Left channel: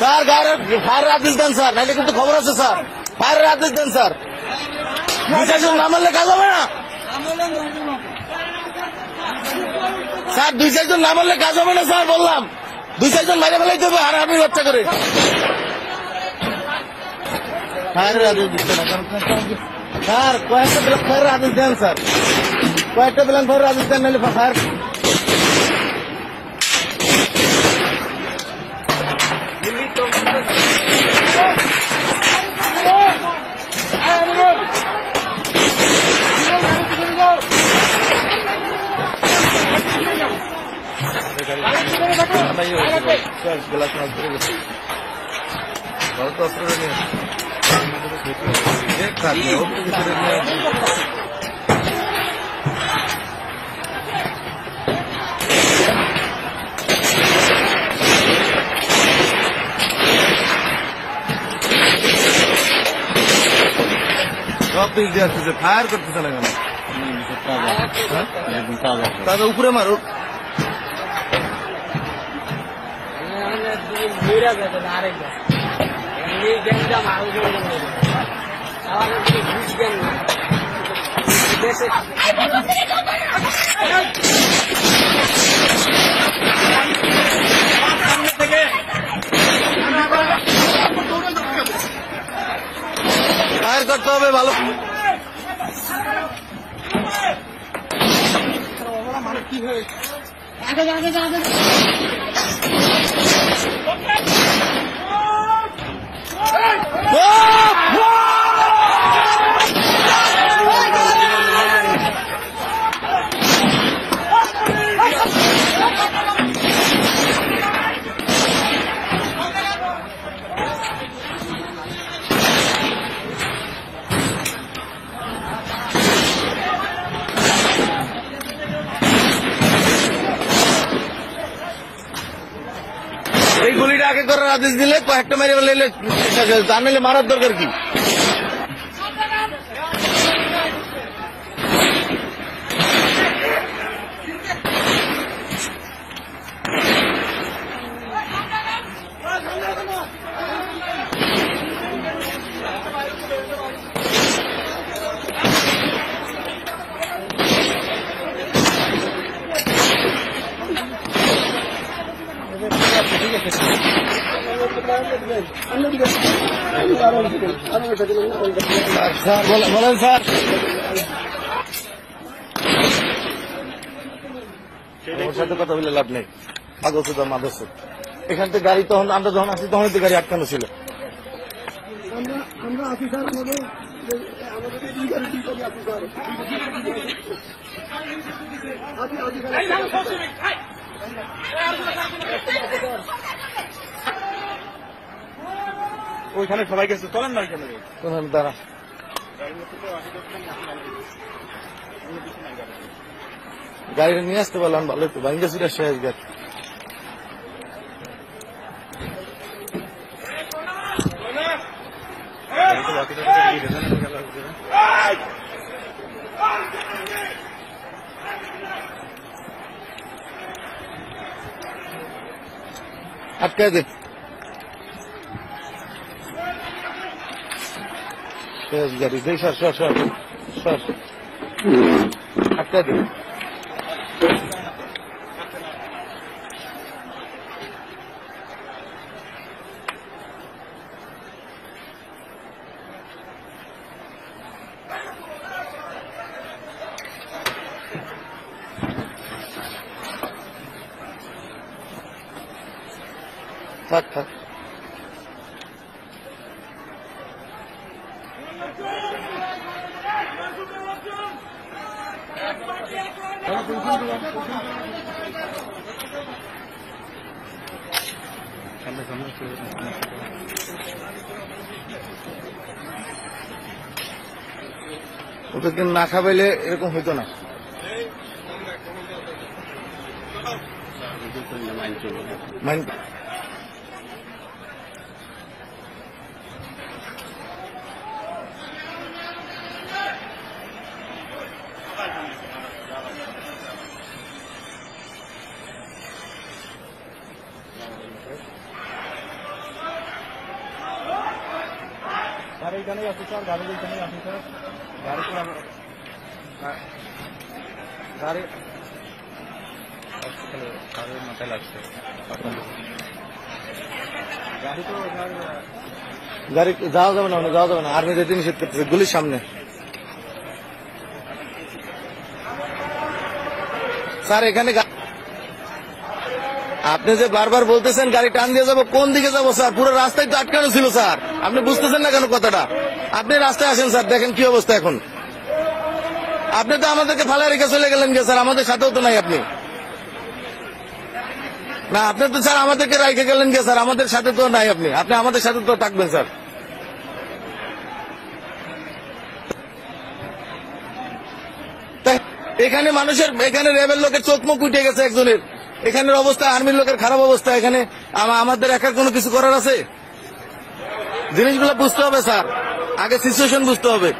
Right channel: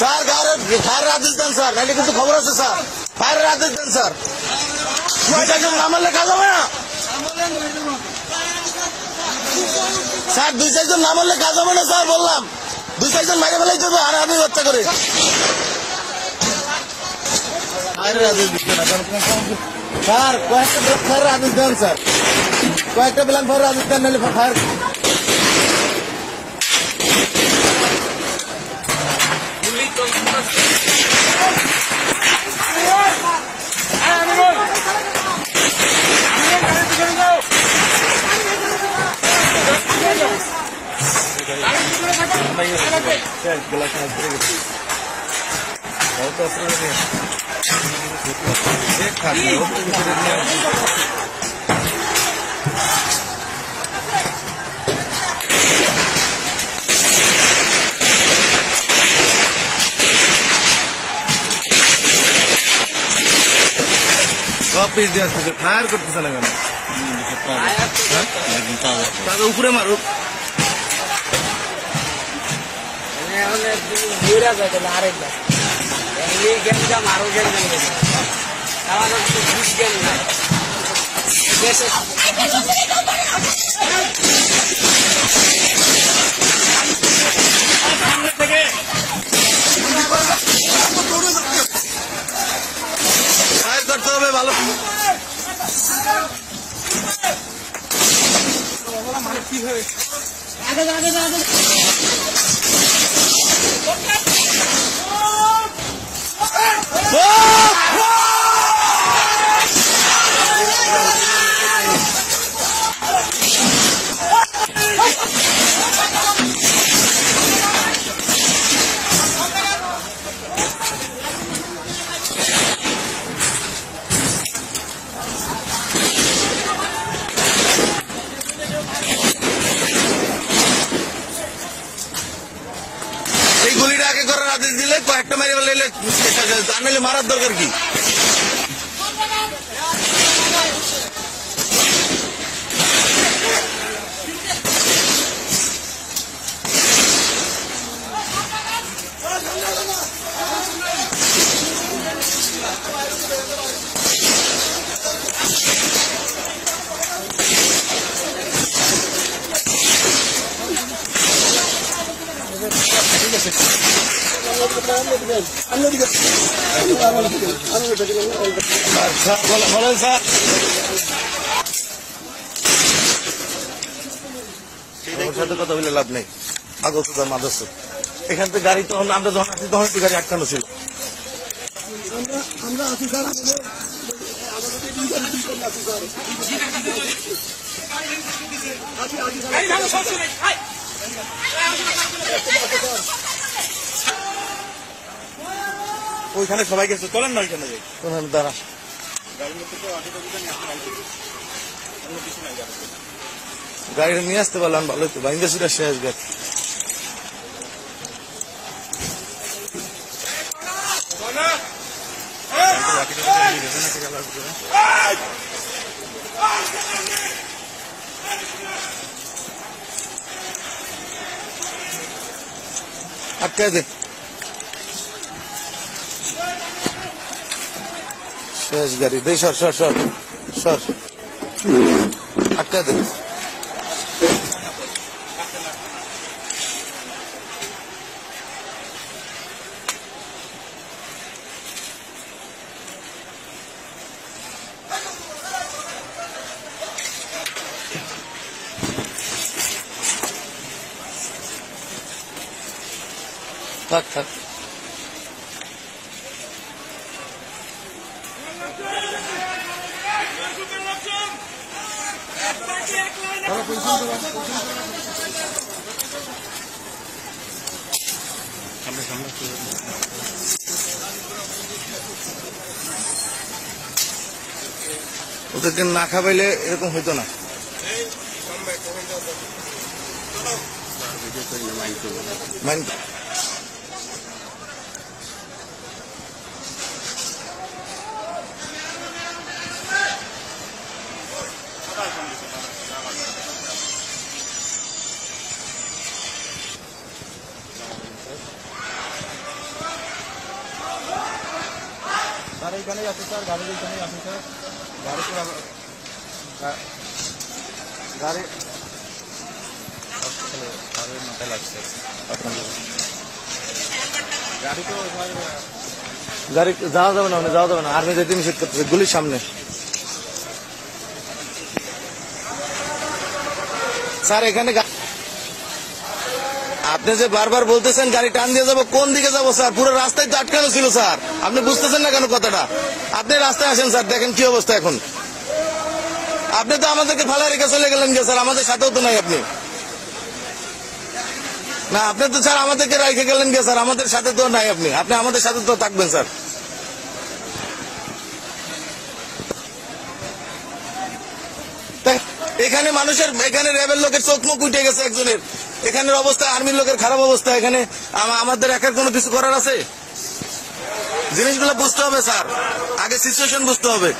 Sir ফায়ারের আদেশ দেন sir, নাহলে কিন্তু খবর আছে স্যার। ফায়ারের আদেশ দেন স্যার, 2-4 জন না মারলে কাজ হবে না স্যার। 2-4 জন না মারলে কাজ হবে না স্যার, বললাম 2-4 জন মারে ফেলাই দেবো হারাহারি বাচ্চা করে। ফায়ারের আদেশ দিচ্ছে না স্যার, কয়েকটা ফায়ারের আদেশ দেন স্যার, কয়েকটা প্ল্যান ফায়ারের আদেশ দেন, নাহলে ফায়ার সব পিস দিয়ে আসতেছে, ফায়ার করতেছে না কেন? তাকে উপরে মারুক। ফায়ার করতে হবে ভালো। এই গুলিটা আগে করার আদেশ দিলে কয়েকটা মেরে ফেলে, তার নাহলে মারার দরকার কি? বলেন স্যার, ওর সাথে কথা বলে লাভ নেই। মাদক এখান থেকে গাড়ি তখন আমরা যখন আসি তখন তো গাড়ি আটকানো ছিল। আমরা আছি স্যার, ওইখানে সবাই গেছে, চলেন না এখানে দাঁড়া। গাড়িটা নিয়ে আসতে পারলাম ভালো তো, বাইন্দা সুরা শেষ গাড়ি। আটকায় দে, শেষ গাড়ি দে, সর সর সর সর, আটকায় দে। থাক থাক। ওদেরকে না খাবাইলে এরকম হইতো না। গাড়ি এখানেই আছে স্যার, গাড়ি এখানেই আছে স্যার, গাড়ি হসপিটালে গাড়ির মাথায় লাগছে আপনার গাড়ি তো গাড়ি যাওয়া যাবে না, যাওয়া যাবে না, আর্মি যেতে নিষেধ করতেছে গুলির সামনে। স্যার এখানে আপনি যে বারবার বলতেছেন গাড়ি টান দিয়ে যাবো, কোন দিকে যাবো স্যার? পুরো রাস্তায় তো আটকানো ছিল স্যার, আপনি বুঝতেছেন না কেন কথাটা? আপনি রাস্তায় আসেন স্যার, দেখেন কি অবস্থা এখন। আপনি তো আমাদেরকে ফালা রেখে চলে গেলেন গে স্যার, আমাদের সাথেও তো নাই আপনি। না আপনি তো স্যার আমাদেরকে রেখে গেলেন গে স্যার, আমাদের সাথে তো নাই আপনি। আপনি আমাদের সাথে তো থাকবেন স্যার। এখানে মানুষের, এখানে র্যাবের লোকের চোখ মুখ উঠে গেছে একজনের, এখানের অবস্থা, আর্মির লোকের খারাপ অবস্থা। এখানে আমাদের একার কোনো কিছু করার আছে? জিনিসগুলো বুঝতে হবে স্যার, আগে সিচুয়েশন বুঝতে হবে।